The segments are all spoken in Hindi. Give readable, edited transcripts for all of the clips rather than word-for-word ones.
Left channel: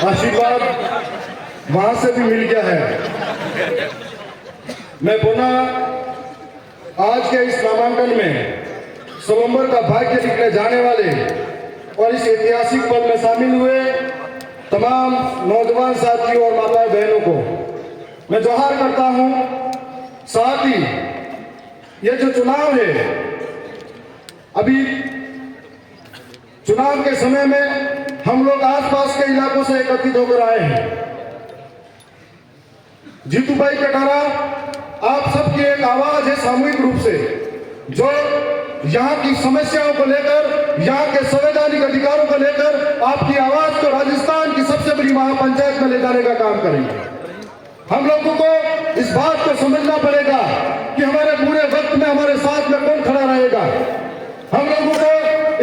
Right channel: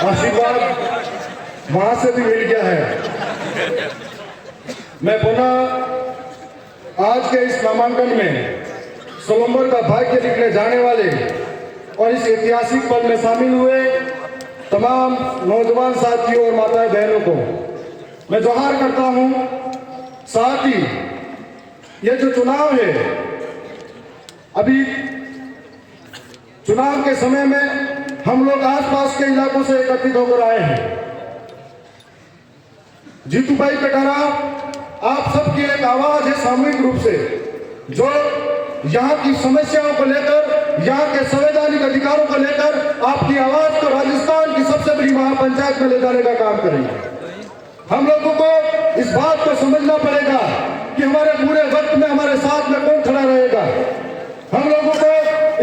आशीर्वाद वहां से भी मिल गया है। मैं पुनः आज के इस नामांकन में सोलंबर का भाग्य लिखने जाने वाले और इस ऐतिहासिक पल में शामिल हुए तमाम नौजवान साथियों और माताएं बहनों को मैं जोहार करता हूं। साथ ही ये जो चुनाव है, अभी चुनाव के समय में हम लोग आसपास के इलाकों से एकत्रित होकर आए हैं। जीतू भाई कटारा आप सबकी एक आवाज है सामूहिक रूप से, जो यहाँ की समस्याओं को लेकर, यहाँ के संवैधानिक अधिकारों को लेकर आपकी आवाज को राजस्थान की सबसे बड़ी महापंचायत में ले जाने का काम करेंगे। हम लोगों को इस बात को समझना पड़ेगा कि हमारे पूरे वक्त में हमारे साथ में कौन खड़ा रहेगा। हम लोगों को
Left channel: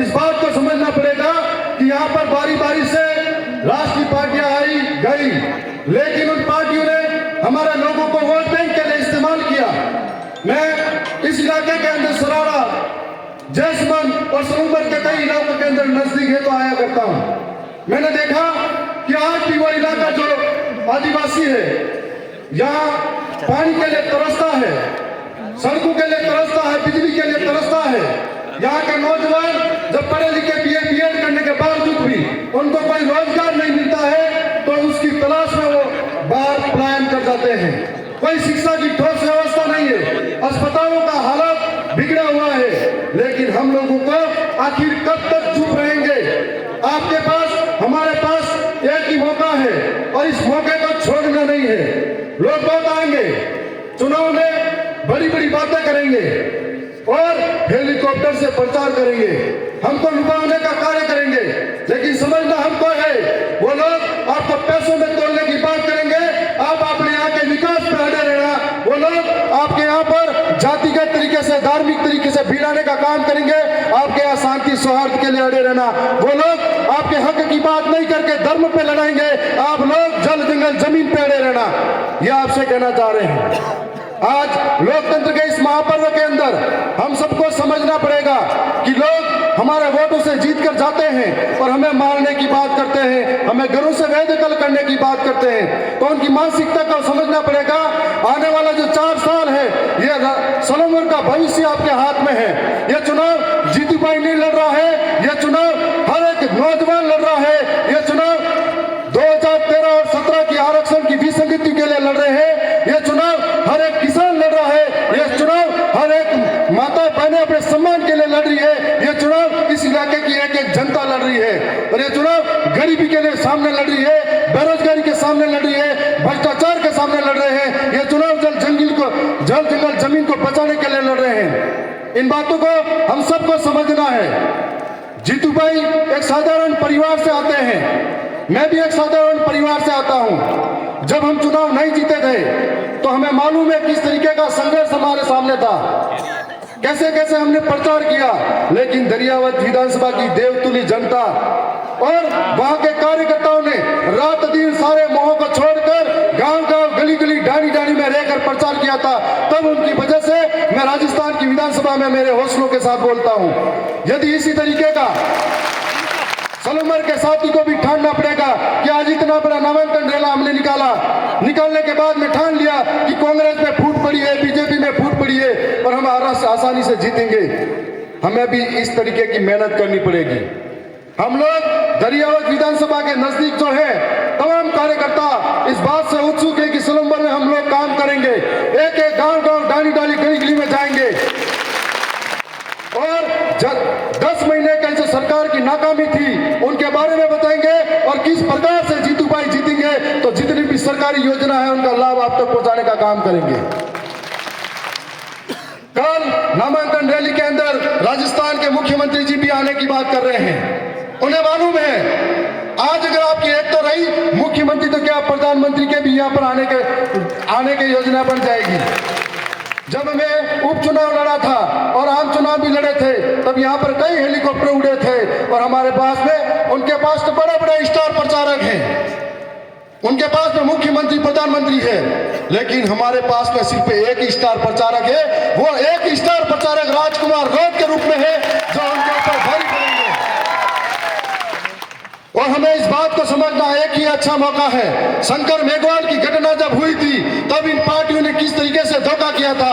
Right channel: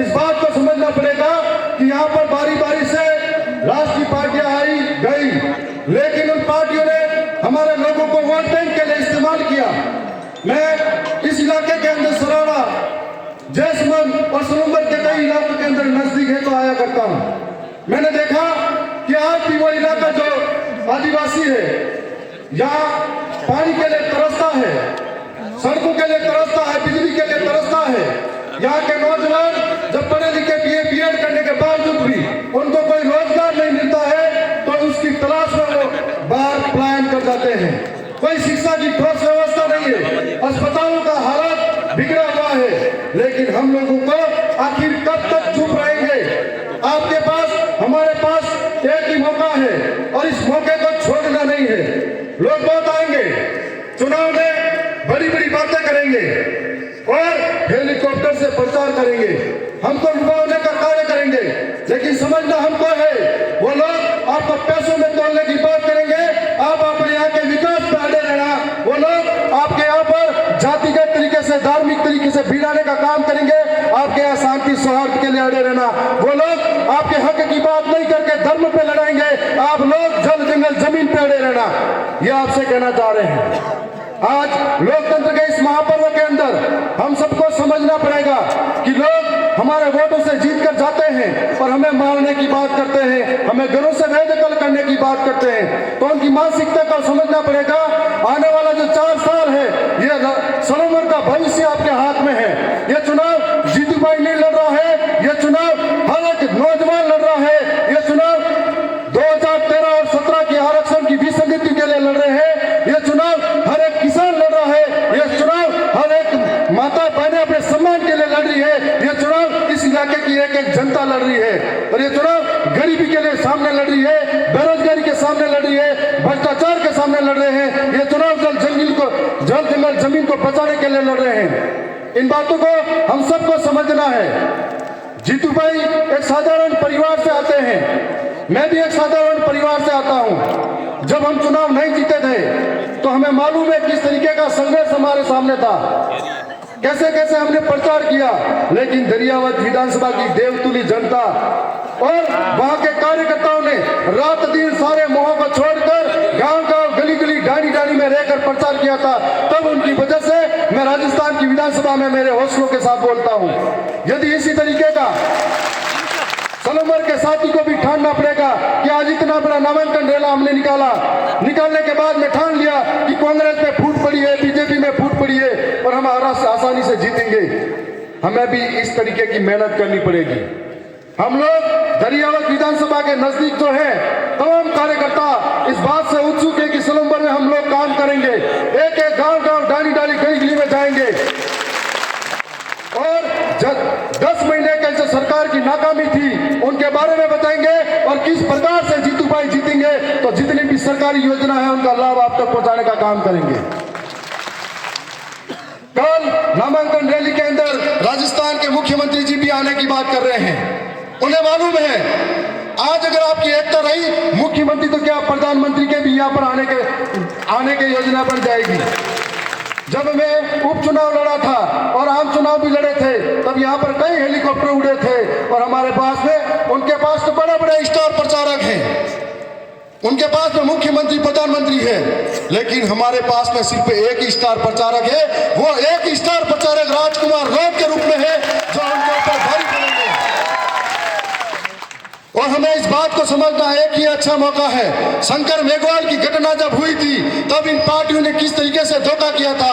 इस बात को समझना पड़ेगा कि यहाँ पर बारी बारी से राष्ट्रीय पार्टियां आई गई, लेकिन उन पार्टियों ने हमारे लोगों को वोट बैंक के लिए इस्तेमाल किया। मैं इस इलाके के अंदर सराड़ा, जैसमंद और सोलंबर के कई इलाकों के अंदर नजदीक है तो आया करता हूँ। मैंने देखा कि आज भी वो इलाका जो आदिवासी है, यहाँ पानी के लिए तरसता है, सड़कों के लिए तरसता है, बिजली के लिए तरसता है। यहाँ के नौजवान जब पढ़े लिखे बीएड करने के बावजूद भी उनको कोई रोजगार नहीं मिलता है तो उसकी तलाश में वो बाहर पलायन कर जाते हैं। कोई शिक्षा की ठोस व्यवस्था नहीं है, अस्पतालों का हालत बिगड़ा हुआ है, लेकिन हम लोगों को आखिर कब तक चुप रहेंगे। आपके पास, हमारे पास एक ही मौका है और इस मौके को छोड़ना नहीं है। लोग बहुत आएंगे, चुनाव में बड़ी बड़ी बातें करेंगे और हेलीकॉप्टर से प्रचार करेंगे, हमको लुभाने का कार्य करेंगे, लेकिन समझना हमको है वो लोग आपको पैसों में तोड़ने की बात करेंगे। आप अपने यहाँ के विकास पे अड़े रहना, वो लोग आपके यहाँ पर जातिगत तरीके से, धार्मिक तरीके से भिड़ाने का काम करेंगे। आपके यहाँ शांति सौहार्द के लिए अड़े रहना, वो लोग आपके हक की बात नहीं करके धर्म पे लड़ाएंगे। आप लोग जल जंगल जमीन पे अड़े रहना, ये आपसे कहना चाह रहे हैं। आज लोकतंत्र के इस महापर्व के अंदर हम सबको समझना पड़ेगा कि लोग हमारे वोटों से जीत कर जाते हैं और हमें मारने की बात करते हैं, हमें घरों से बेदखल करने की बात करते हैं, तो उनकी मानसिकता को समझना पड़ेगा। आने वाला जो 4 साल है, ये सोलंबर का भविष्य आपके हाथ में है। ये चुनाव जीतू भाई नहीं लड़ रहा है, ये चुनाव हर एक नौजवान लड़ रहा है, ये चुनाव 2013 और 17 के आरक्षण की विसंगति के लिए लड़ रहे हैं, ये चुनाव हर एक किसान लड़ रहा है, ये चुनाव हर एक माता बहनें अपने सम्मान के लिए लड़ रही है, ये चुनाव इस इलाके की एक एक जनता लड़ रही है, और ये चुनाव गरीबी के लिए सामने लड़ रही है, बेरोजगारी के सामने लड़ रही है, भ्रष्टाचार के सामने लड़ रहे हैं। ये चुनाव जल जंगल जमीन को बचाने के लिए लड़ रहे हैं। इन बातों को हम सबको समझना है। जीतू भाई एक साधारण परिवार से आते हैं, मैं भी एक साधारण परिवार से आता हूं। जब हम चुनाव नहीं जीते थे तो हमें मालूम है किस तरीके का संघर्ष हमारे सामने था, कैसे कैसे हमने प्रचार किया, लेकिन दरियावत विधानसभा की देवतुली जनता और वहां के कार्यकर्ताओं ने रात दिन सारे मोहों को छोड़कर गांव गांव गली गली डाली डाली में रहकर प्रचार किया था। तब उनकी वजह से मैं राजस्थान की विधानसभा में मेरे हौसलों के साथ बोलता हूं। यदि इसी तरीके का सोलंबर के साथी को भी ठानना पड़ेगा कि आज इतना बड़ा नामांकन रैला हमने निकालने के बाद में ठान लिया कि कांग्रेस में फूट पड़ी है, बीजेपी में फूट पड़ी है और हम आसानी से जीतेंगे, हमें भी इस तरीके की मेहनत करनी पड़ेगी। हम लोग दरियावत विधानसभा के नजदीक जो है, तमाम कार्यकर्ता इस बात से उत्सुक है कि सोलंबर में हम लोग काम करेंगे, एक एक गांव गांव डाली डाली गली गली में जाएंगे और 10 महीने कैसे सरकार की नाकामी थी उनके बारे में बताएंगे और किस प्रकार से जीतू भाई जीतेंगे, तो जितनी भी सरकारी योजना है उनका लाभ आप तक पहुंचाने का काम करेंगे। कल नामांकन रैली के अंदर राजस्थान के मुख्यमंत्री जी भी आने की बात कर रहे हैं। उन्हें मालूम है आज अगर आपकी एक तो रही मुख्यमंत्री, तो क्या प्रधानमंत्री के भी यहाँ पर आने के योजना बन जाएगी। जब मैं उपचुनाव लड़ा था और आम चुनाव भी लड़े थे, तब यहाँ पर कई हेलीकॉप्टर उड़े थे और हमारे पास में, उनके पास तो बड़े बड़े स्टार प्रचारक हैं, उनके पास में मुख्यमंत्री प्रधानमंत्री है, लेकिन हमारे पास में सिर्फ एक ही स्टार प्रचारक है। वो एक ही स्टार प्रचारक राजकुमार रोग के रूप में है, जो उनके ऊपर भारी पड़ेंगे। और हमें इस बात को समझना एक ही अच्छा मौका है। शंकर मेघवाल की घटना जब हुई थी, तब इन पार्टियों ने किस तरीके से धोखा किया था।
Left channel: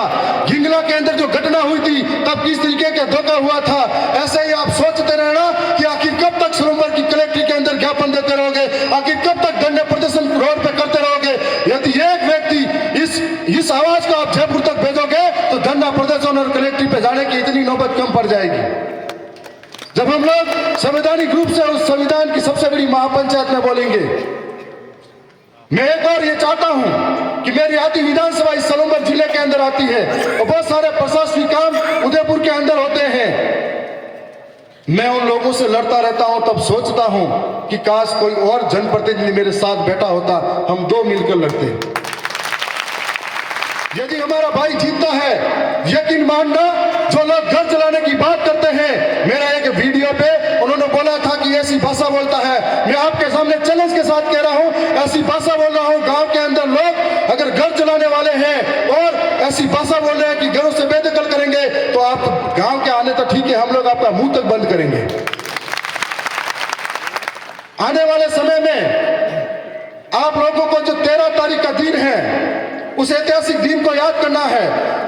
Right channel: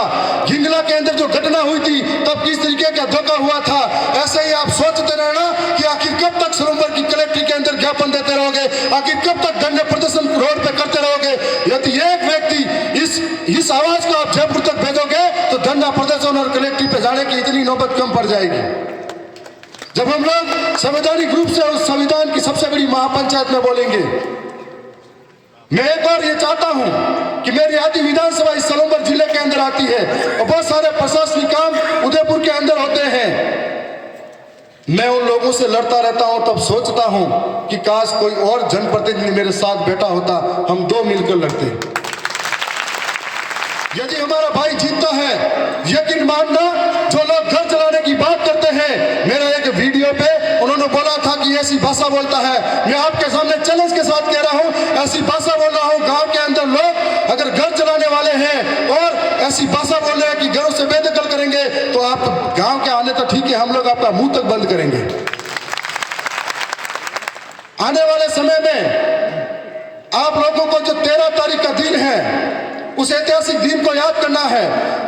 हिंगला के अंदर जो घटना हुई थी, तब किस तरीके का धोखा हुआ था। ऐसे ही आप सोचते रहना कि आखिर कब तक सरोवर की कलेक्ट्री के अंदर ज्ञापन देते रहोगे, आखिर कब तक धरने प्रदर्शन रोड पे करते रहोगे। यदि एक व्यक्ति इस आवाज को आप जयपुर तक भेजोगे, तो धरना प्रदर्शन और कलेक्ट्री पे जाने की इतनी नौबत कम पड़ जाएगी। जब हम लोग संवैधानिक रूप से उस संविधान की सबसे बड़ी महापंचायत में बोलेंगे, मैं एक बार ये चाहता हूं कि मेरी आधी विधानसभा इस सलूमपुर जिले के अंदर आती है और बहुत सारे प्रशासनिक काम उदयपुर के अंदर होते हैं। मैं उन लोगों से लड़ता रहता हूं, तब सोचता हूं कि काश कोई और जनप्रतिनिधि मेरे साथ बैठा होता, हम दो मिलकर लड़ते। यदि हमारा भाई जीतता है, यकीन मानना, जो लोग घर चलाने की बात करते हैं, मेरा एक वीडियो पे उन्होंने बोला था कि ऐसी भाषा बोलता है। मैं आपके सामने चैलेंज के साथ कह रहा हूं, ऐसी भाषा बोल रहा हूं। गांव के अंदर लोग अगर घर चलाने वाले हैं और ऐसी भाषा बोल रहे हैं कि घरों से बेदखल करेंगे, तो आप गांव के आने तो ठीक है, हम लोग आपका मुंह तक बंद करेंगे। आने वाले समय में आप लोगों को जो 13 तारीख का दिन है, उस ऐतिहासिक दिन को याद करना है।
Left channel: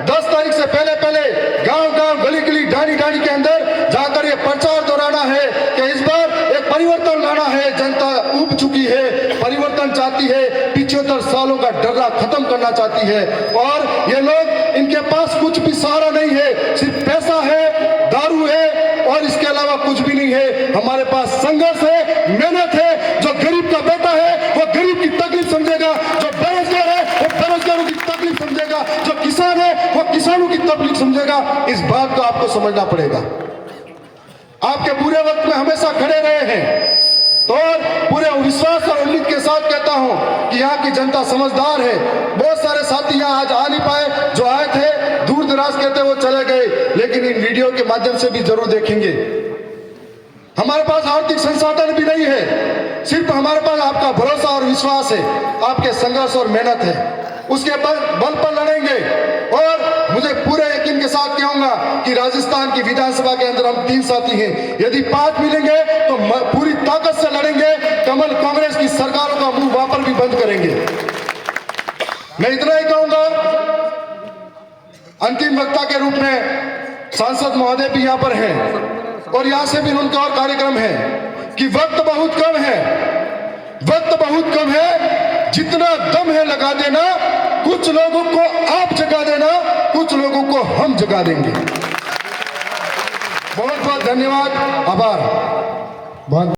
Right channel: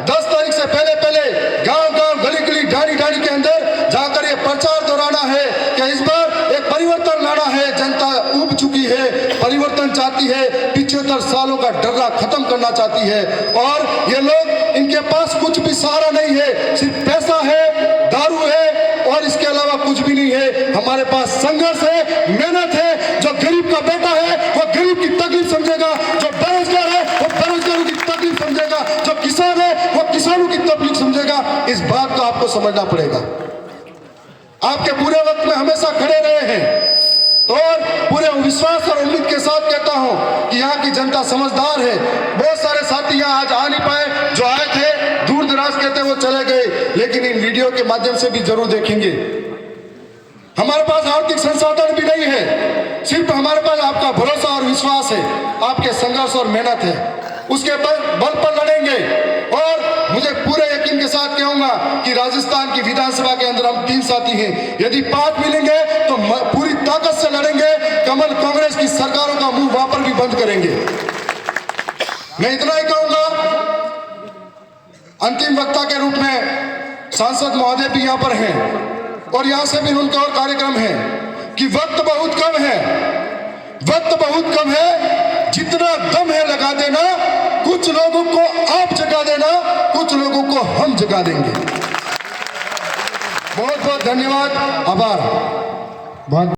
10 तारीख से पहले पहले गांव-गांव, गली-गली, ढाणी-ढाणी के अंदर जाकर ये प्रचार दोहराना है कि इस बार एक परिवर्तन लाना है। जनता ऊब चुकी है, परिवर्तन चाहती है, 75 सालों का डर्रा खत्म करना चाहती है। और ये लोग, इनके पास कुछ भी सहारा नहीं है, सिर्फ पैसा है, दारू है और इसके अलावा कुछ भी नहीं है। हमारे पास संघर्ष है, मेहनत है। जो गरीब का बेटा है, वो गरीब की तकलीफ समझेगा। जो बेरोजगार है, वो बेरोजगारों की तकलीफ समझेगा। जो किसान है, वो किसानों की तकलीफ समझेगा। इस बात को आपको समझना पड़ेगा। आपके बुरे वक्त में हमेशा खड़े रहे हैं, और पूरे विश्वास और उम्मीद के साथ कहता हूं कि यहाँ की जनता समझदार है। बहुत सारे साथी यहाँ आज आ नहीं पाए, जो आए थे दूर दराज कहते वो चले गए, लेकिन इन वीडियो के माध्यम से भी जरूर देखेंगे। हमारे पास आर्थिक संसाधन भी नहीं है, सिर्फ हमारे पास आपका भरोसा और विश्वास है, आपके संघर्ष और मेहनत है। उसके बल पर लड़ेंगे। और मुझे पूरे यकीन के साथ कहूंगा कि राजस्थान की विधानसभा के अंदर हम 3 साथी हैं। यदि 5 मिलेंगे तो पूरी ताकत से लड़ेंगे। कमल कांग्रेस की सरकारों का मुंह वहां पर भी बंद करेंगे। मैं इतना ही कहूंगा, अंतिम वक्ता के रूप में सांसद महोदय भी यहाँ पर हैं और यहाँ से भी उनका और कार्यक्रम है कि वक्त बहुत कम है, वक्त बहुत कम है। जितना दम है लगा देना। कुछ लोगों को आप जगा देना, कुछ लोगों को हम जगा देंगे। बहुत बहुत धन्यवाद, आभार। बहुत